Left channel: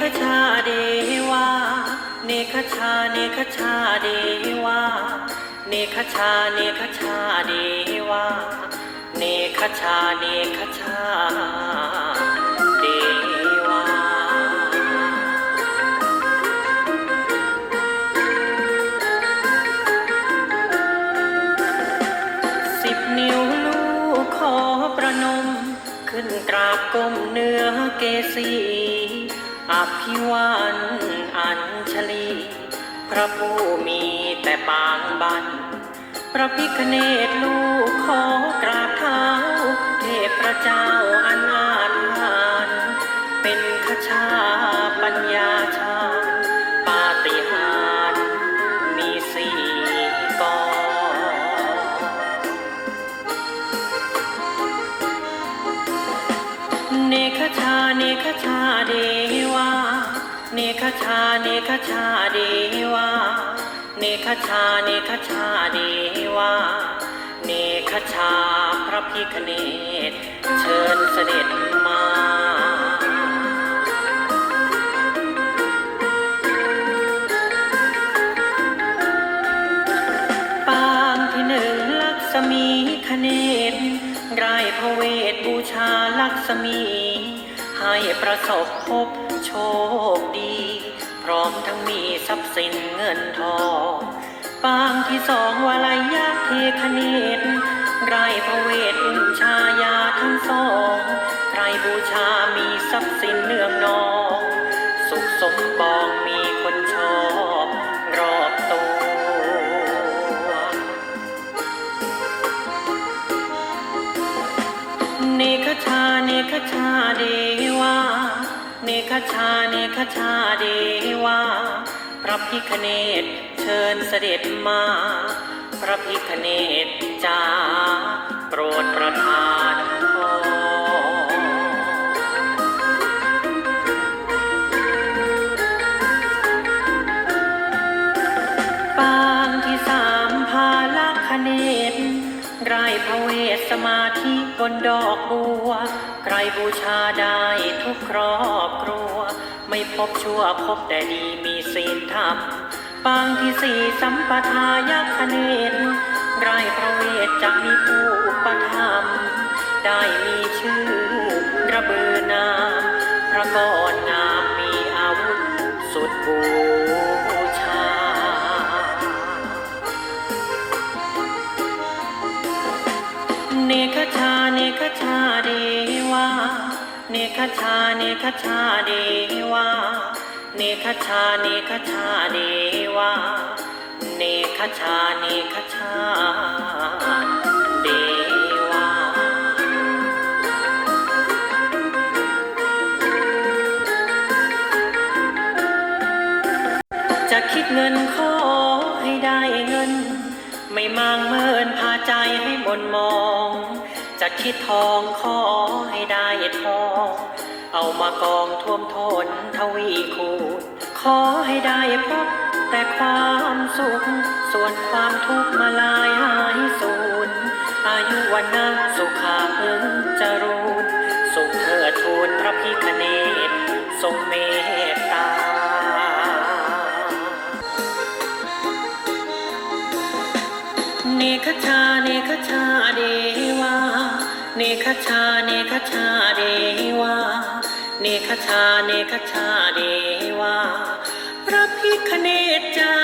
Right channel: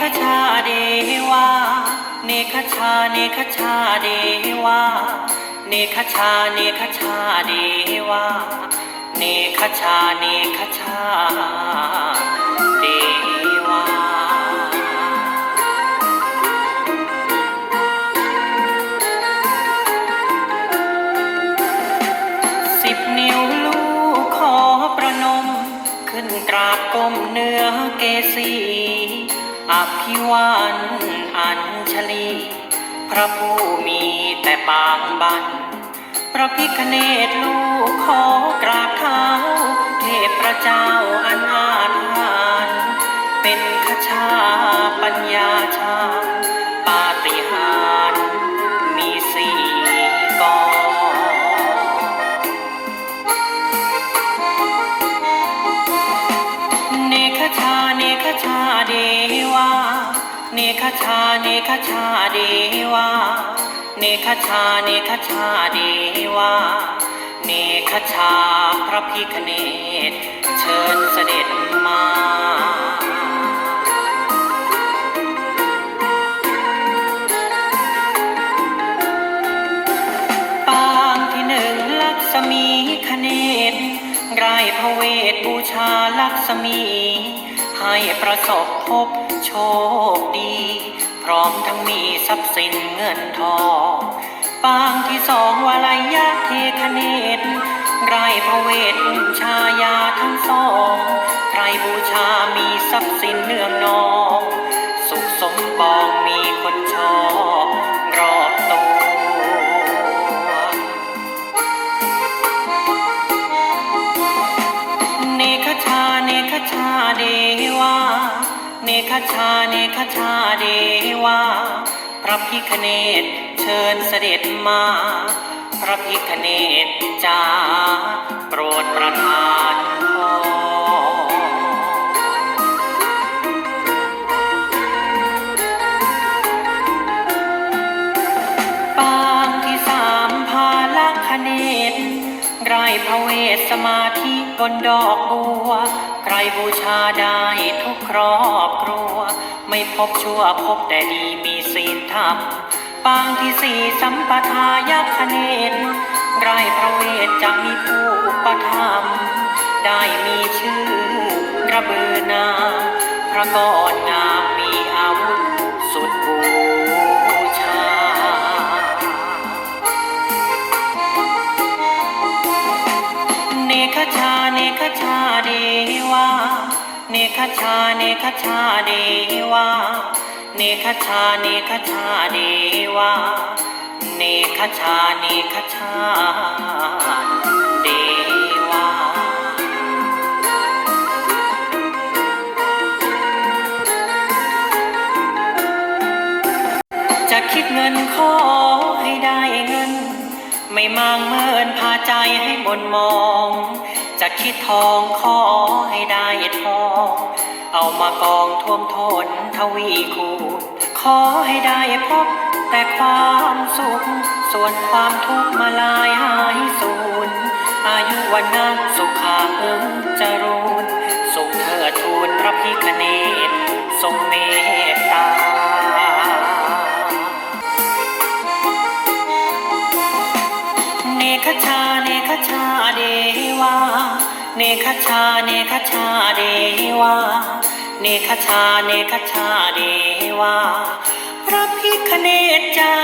คชาเดวาเนคชาเนคชาเดวาเนคชาเนคชาเดวาเนคชาเนคชาเดวาสิบนิ้วลูกขอประนม ขึ้นกราบก้มเนื้อเกสี ภิวันอัญชลี พระผู้มีแต่ปางบัน พระพิคเนตลูกขอกราบเท้าเทพเจ้าอนาถานเป็นขชาปัญญา ชาเนคชาเดวาเนคชาเนคชาเดวาเนคชาพระพิคเนตเชิญเสด็จ ประสบพบโชคดี พร้อมทั้งมีทรัพย์สินเงินทอง ปางที่สองวลายะเทคเนต เนคชาเดวาพระพิคเนตเชิญเสด็จมา พระพิคเนตจ้าโปรดประทานปางที่สามพาลักขเนตไรพระเวทสมาธิบนดอกบัว ใครบูชาได้ทุกครอบครัว ไม่พบชั่วพบแต่ดีมีศีลธรรมปางที่สี่สัมปทายักเนตไรพระเวทจะมีผู้ประทับไคชาเนคชาเดวาเนคชาเนคชาเดวาเนคชาเนคชาเดวาจะคิดเงินขอให้ได้เงิน ไม่มางเมินพาใจให้มนมอง จะคิดทองขอากองท่วมทนทวีคูขอให้ได้พบแต่ความสุข ส่วนความทุกข์มาลายหายสูญอายุวันนักสุขาอึงจรูนสุขเถิดทูลพระพิคเนตทรงเมตตาเนคชาเนคชาเดวาเนคชาเนคชาเดวา เนคชาเนคชาเดวาพระพิคเนตจ้า